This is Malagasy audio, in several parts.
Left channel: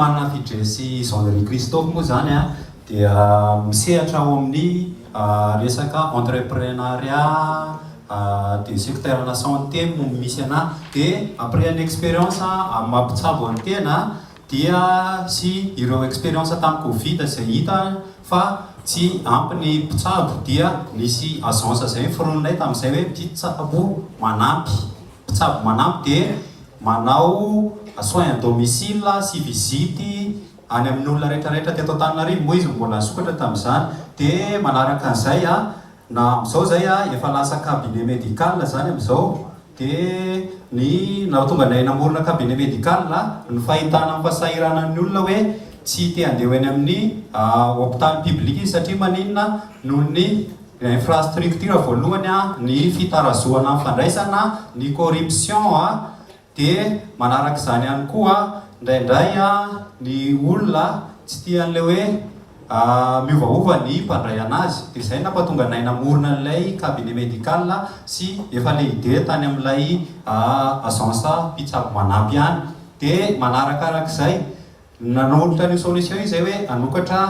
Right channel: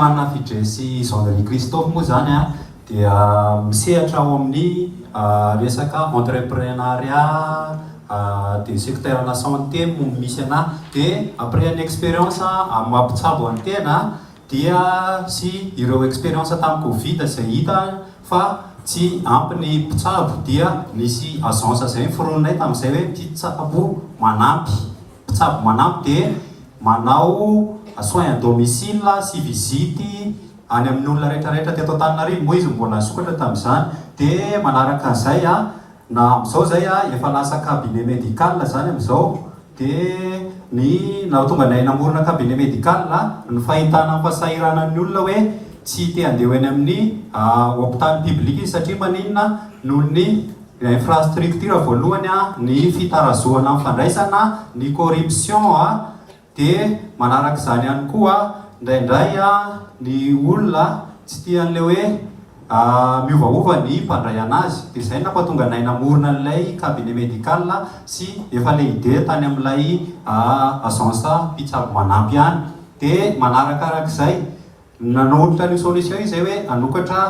manana fidresy Jean-Marie Christophe moa zany a dia misehatra ao amin'ny resaka entrepreneuriat de secteur la santé misy ana dia après une expérience mampitsabo ny tena dia sy ireo expérience tamin'ny Covid izay hita fa tsy ampy ny mpitsabo dia nisy agence zay forononay tamin'izay hoe mpitsabo manampy mpitsabo manampy dia manao soins à domicile sy visite any amin'ny olona rehetrarehetra teto Antananarivo moa izy mbola sokatra tamin'izany dia manaraka an'izay na amizao zay efa lasa cabinet médical zany amizao dia ny na tonga nay namorona cabinet médical ny fahitana fahasairana ny olona hoe tsy te handeha eny amin'ny hôpital public satria maninona noho ny infrastructure voalohany ny fitarazoana ny fandraisana ny corruption dia manaraka izany ihany koa indraindray ny olona tsy tian'le hoe miovaova ny mpandray anazy dia izay nampatonga nay namorona an'ilay cabinet médical sy efa le idée tany amin'ilay agence mpitsabo manampy ihany dia manarakarak'izay nanolotra ny solution izay hoe anokatra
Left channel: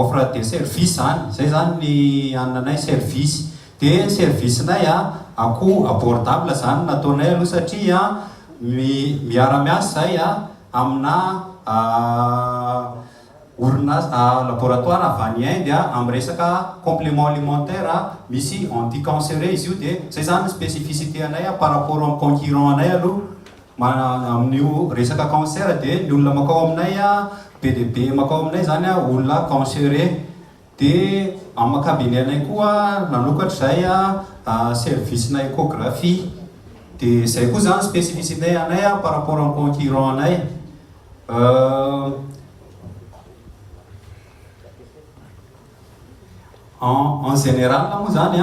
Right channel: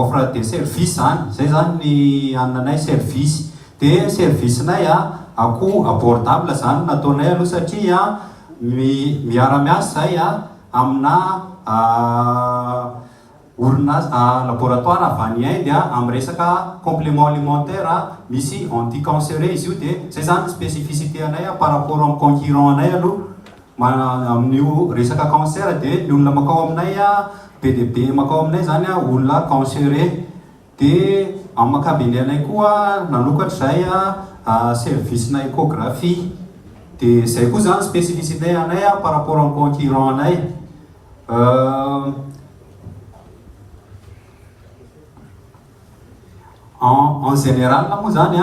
offre de service zay zany ny ananay service dia service-nay ako abordable zany nataonay aloha satria miara-miasa zay amina orinasa laboratoire avy any Inde amin'ny resaka complément alimentaire misy anti-cancéreux izy io dia zay zany spécificité anay par rapport amin'ny concurrent anay aloha amin'io resaka cancer dia ny olona makao aminay PDB makao aminay zany olona cancéreux dia amin'ny cabinet anay koa nanokatra zay service na échographie dia zay koa zany spécificité anay par rapport amin'ny concurrent anay en général moa zany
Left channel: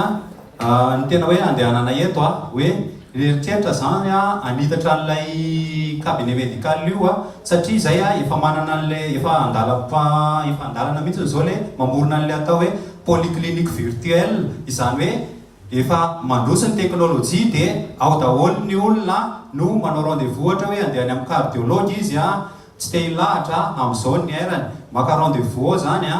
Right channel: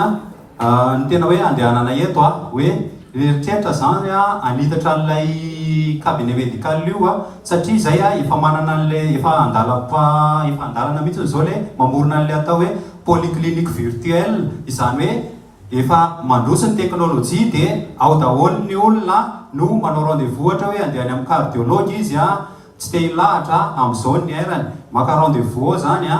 ny tena hoe andehananay eto hoe eritreritra zany anitatra an'ilay cabinet médical io satria zay efa manana an'ilay efa andalana mihitsy zao le mamorona an'ilay atao hoe polyclinique virtuelle izany hoe efa mandroso ny teknôlôjia dia ao daholo ny olona no manao rendez-vous ohatra hoe andehany amin'ny cardiologue izy tsy te hilahatra amin'izao ny airany maka rendez-vous ao zany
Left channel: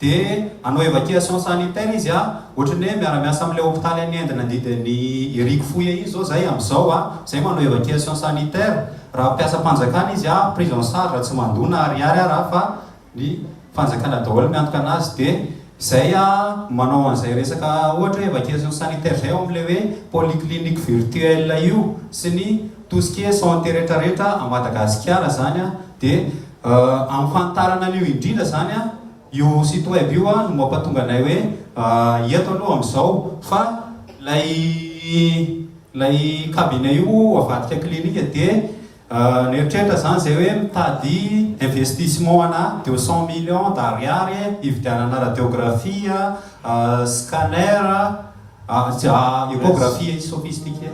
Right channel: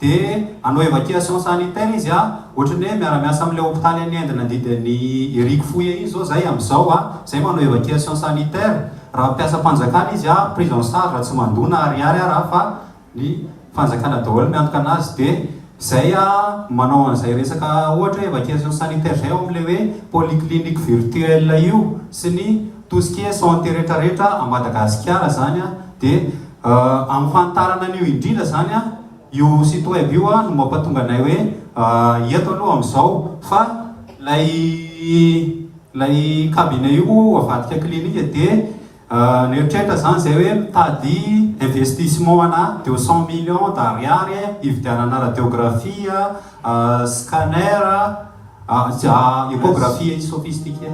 dia anao évacuation sanitaire izy ohatra ny hoe miara-miasa amin'ilay hôpitaly any Inde nandidiny Eric Fouye izy zao zay amin'izao zay manao évacuation sanitaire raha mpiasa fanjakana izy prise en charge tsy mandona ariary raha fa ny fanjakana daholo miantoka anazy dia zay manao an'izay resaka ohatra hoe évacuation sanitaire zay ao amin'ilay hoe polyclinique virtuelle io sy ny tout ce qui est santé rehetrarehetra à Madagasikara zany dia amin'ny fantarana an'io indrindra zany io site web io no mampatonga anay hoe eto aloha amin'izao fa lay cabinet io avadika clinique dia neritreritra zany zay hoe mitady investissement ana 200 millions d'ariary hividianana radiographie scanner échographie sophistiquée